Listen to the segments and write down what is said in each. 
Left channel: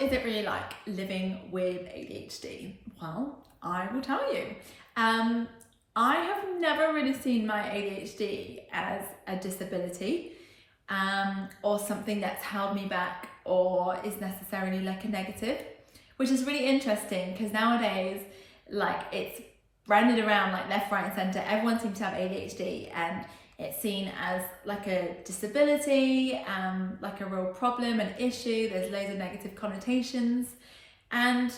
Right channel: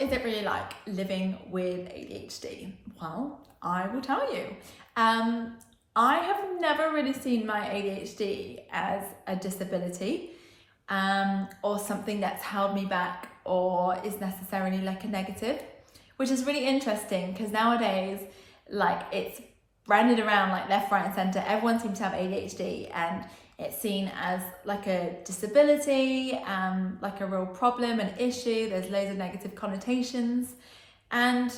is it really like living with ADHD? Well, I will tell you. I have never really seen my ADHD as a disability or something that's held me back or is necessarily like a negative, which is really interesting because nowadays, like, it's branded around like left, right and centre. Everyone seems to have ADHD and it's seen as like a disability, like a real problem, an issue. There's loads of negative connotations and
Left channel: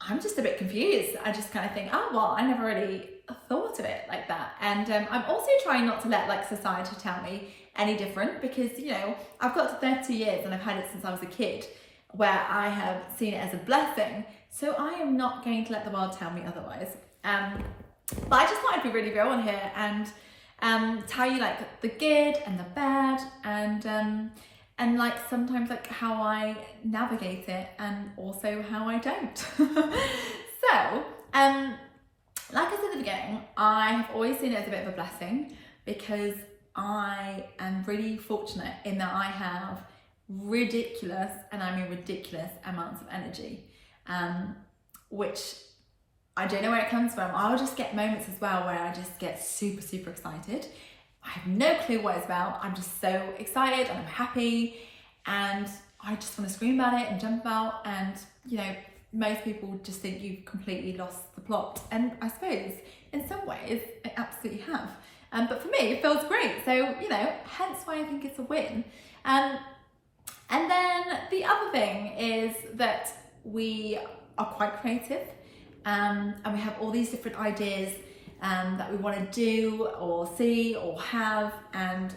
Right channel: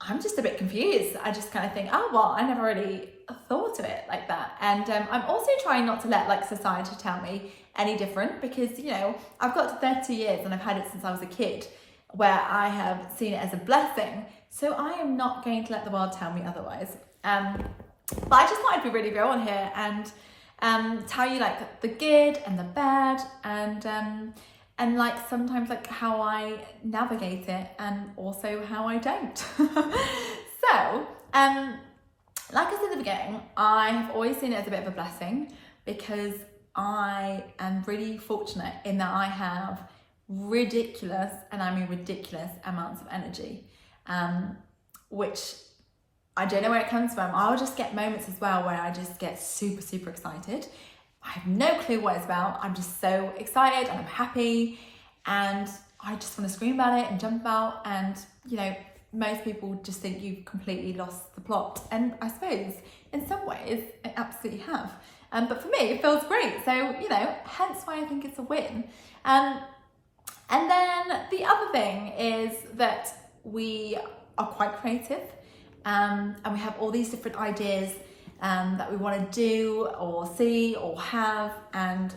I'm just a bit confused. I just kind of think, oh, well, I never really thought of it like that. And I'm also trying not to let like society tell me any different because, you know, I've got to 32 years and I've had it since I was a kid where I have seen it as a blessing. So I am not going to let the world tell me otherwise. But I just thought I'd be really real on here and tell you like the good and the bad and like sometimes like how I navigate it and also how I don't. So, like I said at the beginning, I have always seen it as a bit of a blessing because I am really fortunate in that I have ridiculous, and I mean ridiculous amounts of energy, which I don't know where it comes from. I'll just get moments as well where I just get super, super excited. I have no clue what it's about. I'm just so excited and I'm happy and I just want to scream about it and jump about, and you know, most people just think you've completely lost the plot, and I suppose in some ways I absolutely have. But for me it feels great, so you know, hence why I think it's a win. And then the other thing is that we are quite creative, and we have all these different ideas that we want to do or see or have, and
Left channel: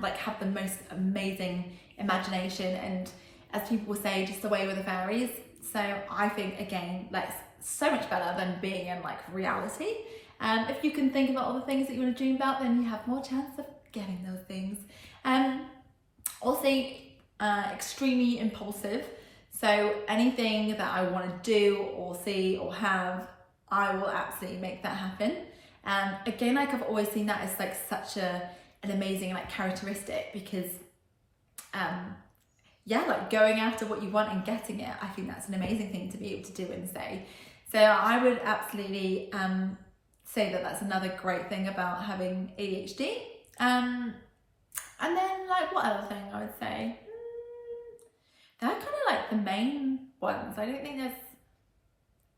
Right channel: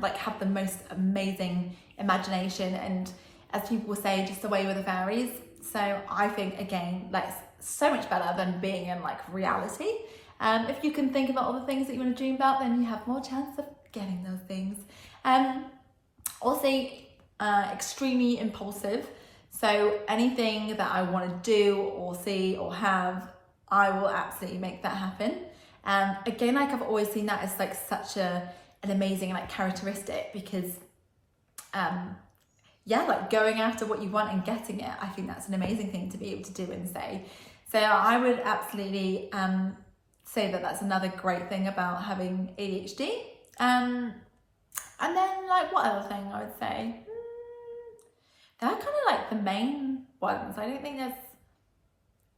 like have the most amazing imagination, and as people say, just away with the fairies. So I think again, like, so much better than being in like reality. If you can think about all the things that you want to dream about, then you have more chance of getting those things. Also extremely impulsive. So anything that I want to do or see or have, I will absolutely make that happen. Again, like I've always seen that as like such an amazing like characteristic because yeah, like going after what you want and getting it, I think that's an amazing thing to be able to do and say. So I would absolutely say that that's another great thing about having ADHD. And then like what other thing I would say? They're kind of like the main ones. I don't think there's,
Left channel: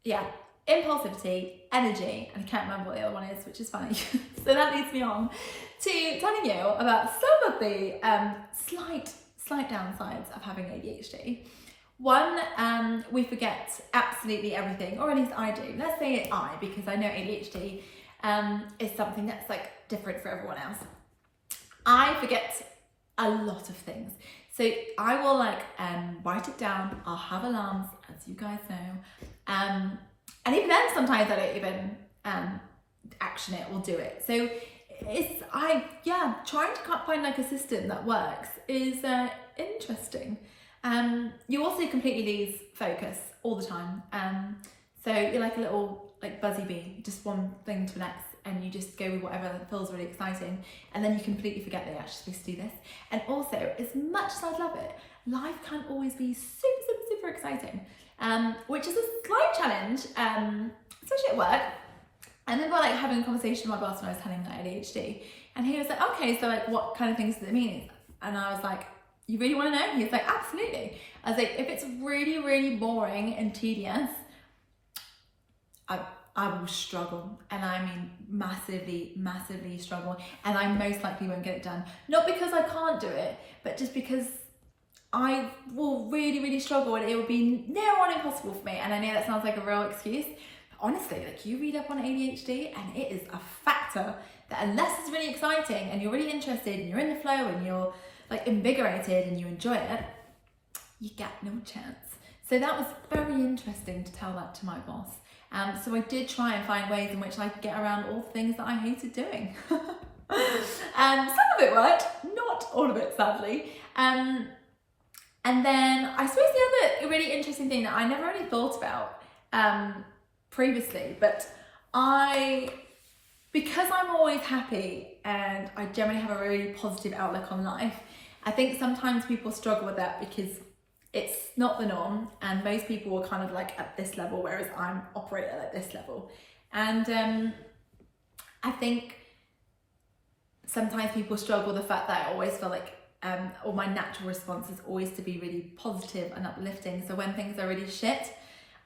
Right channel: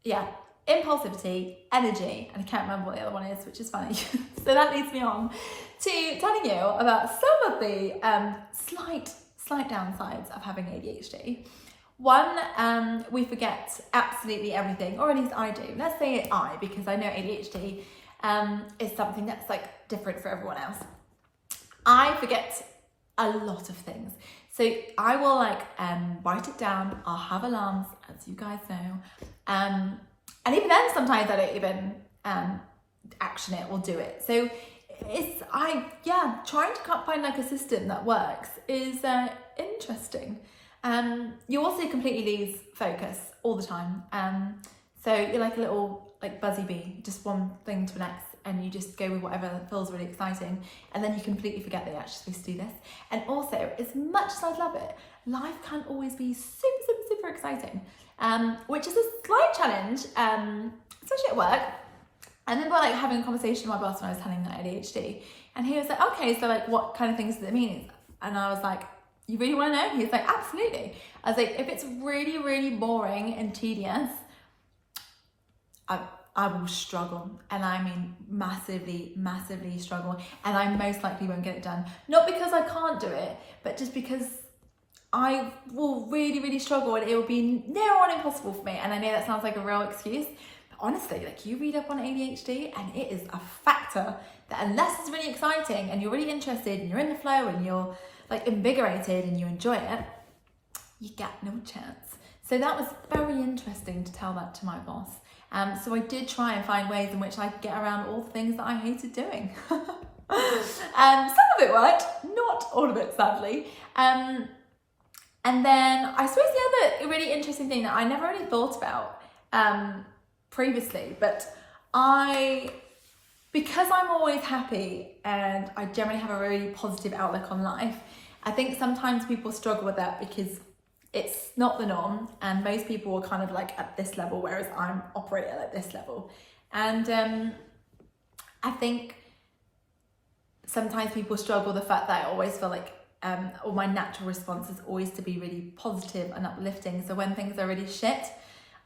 yeah, impulsivity, energy, and I can't remember what the other one is, which is funny. So that leads me on to telling you about some of the slight downsides of having ADHD. One, we forget absolutely everything, or at least I do. Let's say I, because I know ADHD is something that's like different for everyone else. I forget a lot of things. So I will like write it down, I'll have alarms, as you guys know. And even then sometimes I don't even action it or do it. So trying to find like a system that works is interesting. You also completely lose focus all the time. So you're like a little like buzzy bee, just one thing to relax, and you just go with whatever feels really exciting, and then you completely forget that you're actually supposed to do this. And also, as much as I love it, life can't always be super, super, super exciting, which is a slight challenge, especially at work. And then we're like having a conversation with my boss when I was telling him that I had ADHD, and he was like, okay, so like what kind of things does it mean? And I was like, you really want to know? He was like, absolutely. I was like, if it's really, really boring and tedious, I will struggle, and I mean massively, massively struggle, and I most likely won't get it done. Not because I can't do it, but just because I will really, really struggle, and it will be near on impossible for me. And I know that sounds like a real excuse, but honestly, like, you read up on ADHD and it is a factor that unless it's really exciting and you're really interested and you're in the flow and you're like invigorated and you enjoy it, you get no chance. So that was very interesting to tell that to my boss. So I did try and find ways in which I could get around all the things that I hated doing. Some of it worked, not all of it, sadly. And then I suppose the other really interesting thing that I never really thought about previously, but because I'm always happy and I generally have a really positive outlook on life, I think sometimes people struggle with that because it's not the norm, and most people are kind of like at this level, whereas I'm operating at this level. And I think sometimes people struggle with the fact that I always feel like or my natural response is always to be really positive and uplifting. So when things are really shit,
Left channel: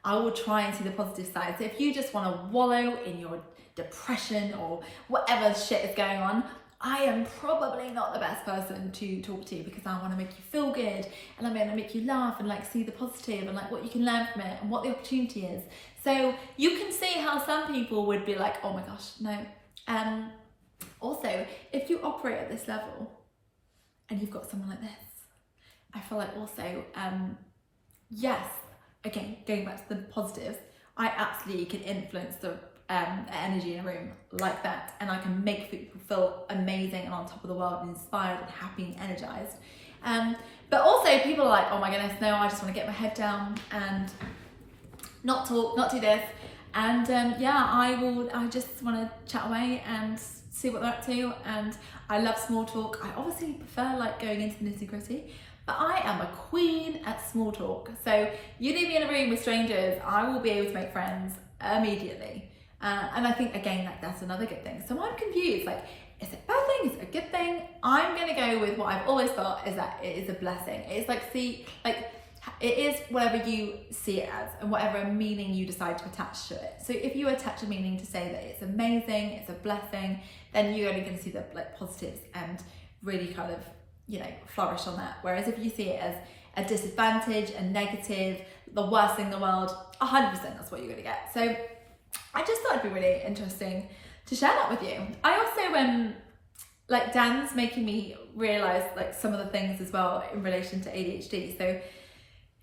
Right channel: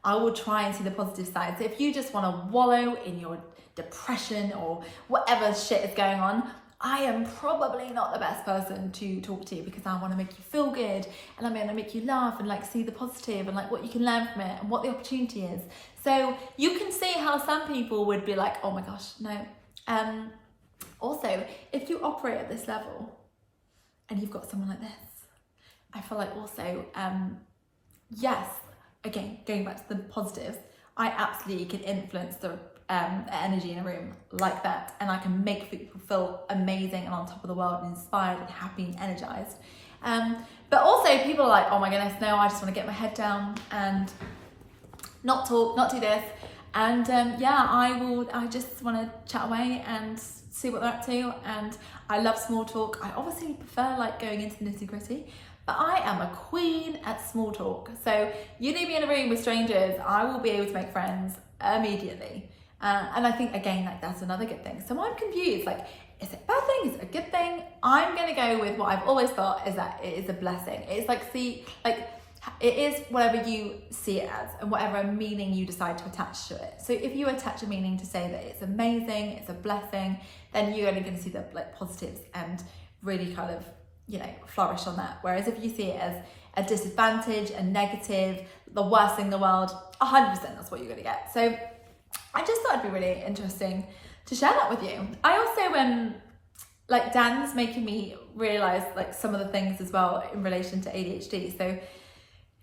I will try and see the positive side. So if you just want to wallow in your depression or whatever shit is going on, I am probably not the best person to talk to, because I want to make you feel good, and I'm going to make you laugh and like see the positive and like what you can learn from it and what the opportunity is. So you can see how some people would be like, oh my gosh, no. Also, if you operate at this level and you've got someone like this, I feel like also, yes, again, going back to the positives, I absolutely can influence the energy in a room like that, and I can make people feel amazing and on top of the world and inspired and happy and energized. But also people are like, oh my goodness, no, I just want to get my head down and not talk, not do this. And yeah, I just want to chat away and see what they're up to. And I love small talk. I obviously prefer like going into the nitty gritty, but I am a queen at small talk. So you leave me in a room with strangers, I will be able to make friends immediately. And I think, again, that's another good thing. So I'm confused, like, is it a bad thing? Is it a good thing? I'm going to go with what I've always thought is that it is a blessing. It's like, it is whatever you see it as and whatever meaning you decide to attach to it. So if you attach a meaning to say that it's amazing, it's a blessing, then you're only going to see the like positives and really kind of, you know, flourish on that. Whereas if you see it as a disadvantage, a negative, the worst thing in the world, 100% that's what you're going to get. So I just thought it'd be really interesting to share that with you. I also, like Dan's making me realise like some of the things as well in relation to ADHD. So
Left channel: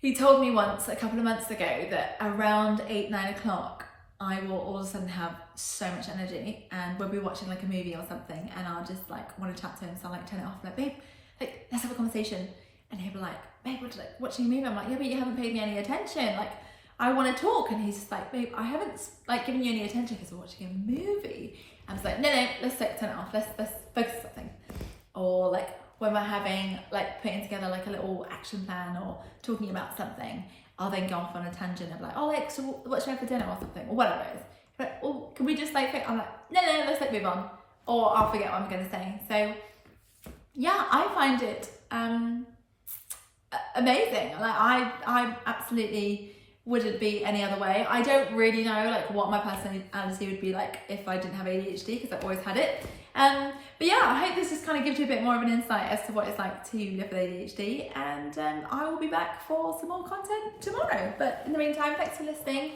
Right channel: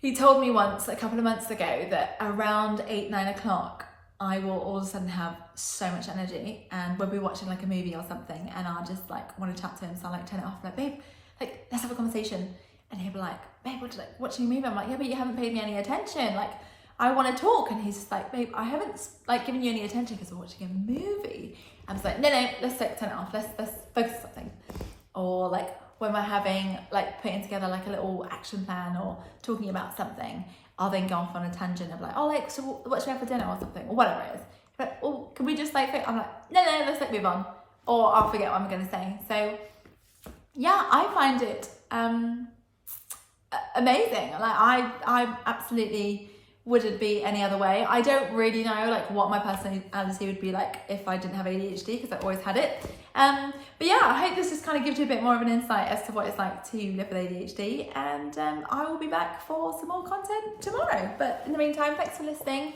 he told me once a couple of months ago that around 8-9 o'clock, I will all of a sudden have so much energy, and we'll be watching like a movie or something, and I'll just like want to chat to him, so I'll like turn it off, like, babe, like let's have a conversation. And he'll be like, babe, what, like watching a movie? I'm like, yeah, but you haven't paid me any attention. Like, I want to talk. And he's just like, babe, I haven't like given you any attention because we're watching a movie. I'm just like, no, let's like turn it off. Let's focus on something. Or like when we're having like putting together like a little action plan or talking about something, I'll then go off on a tangent of like, oh, like, so what should we have for dinner or something, or whatever it is. But oh, can we just like, I'm like, no, let's like move on, or I'll forget what I'm going to say. So yeah, I find it amazing. Like I absolutely wouldn't be any other way. I don't really know like what my personality would be like if I didn't have ADHD, because I always had it. But yeah, I hope this just kind of gives you a bit more of an insight as to what it's like to live with ADHD, and I will be back for some more content tomorrow. But in the meantime, thanks for listening.